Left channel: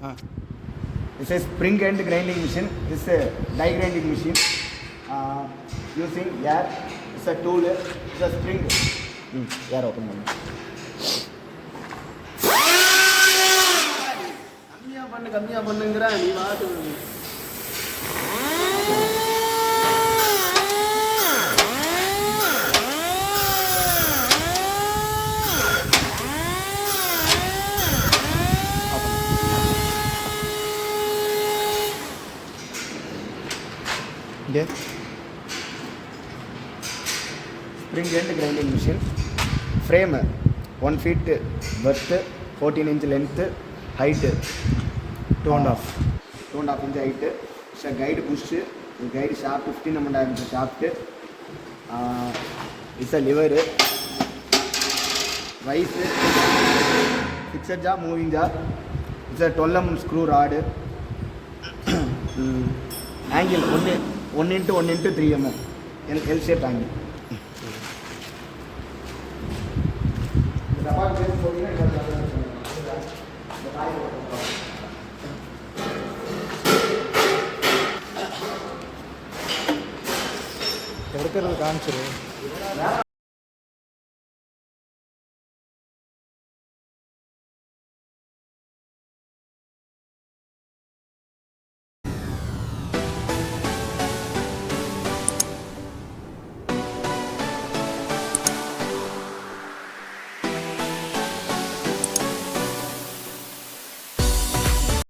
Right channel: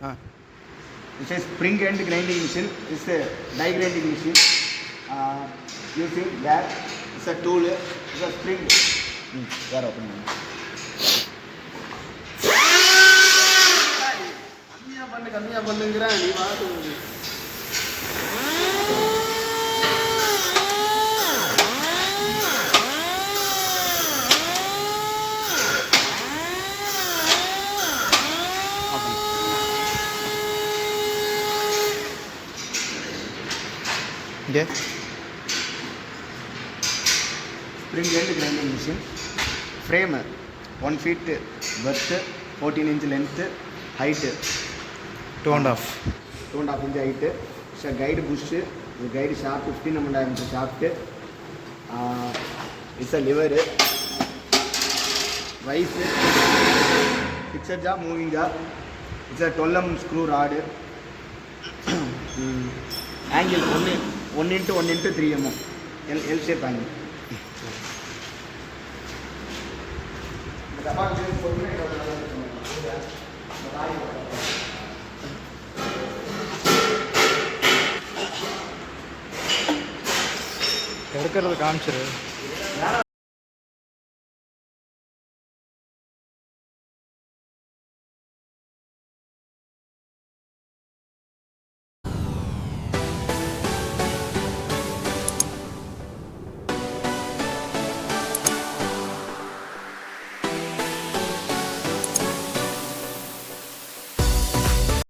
This is spring end grinding machine. This is die grinding machine. Using that. It's a tool. It's a spring. There open. கம்மியாக பண்ணுங்கிறேன் நீ பார்த்து spring end grinding machine. Frame 1 feet width, 14 inch length, height 2.5 inch height. It's a guide bush, guide shaft 15mm inch shaft. It's a lever, rise, fixed jaw, moving jaw. It's a 12mm screw rod. Angle 1 into 1 into 3 mm. L shape angle. எடுக்கிறது காமிச்சிரு.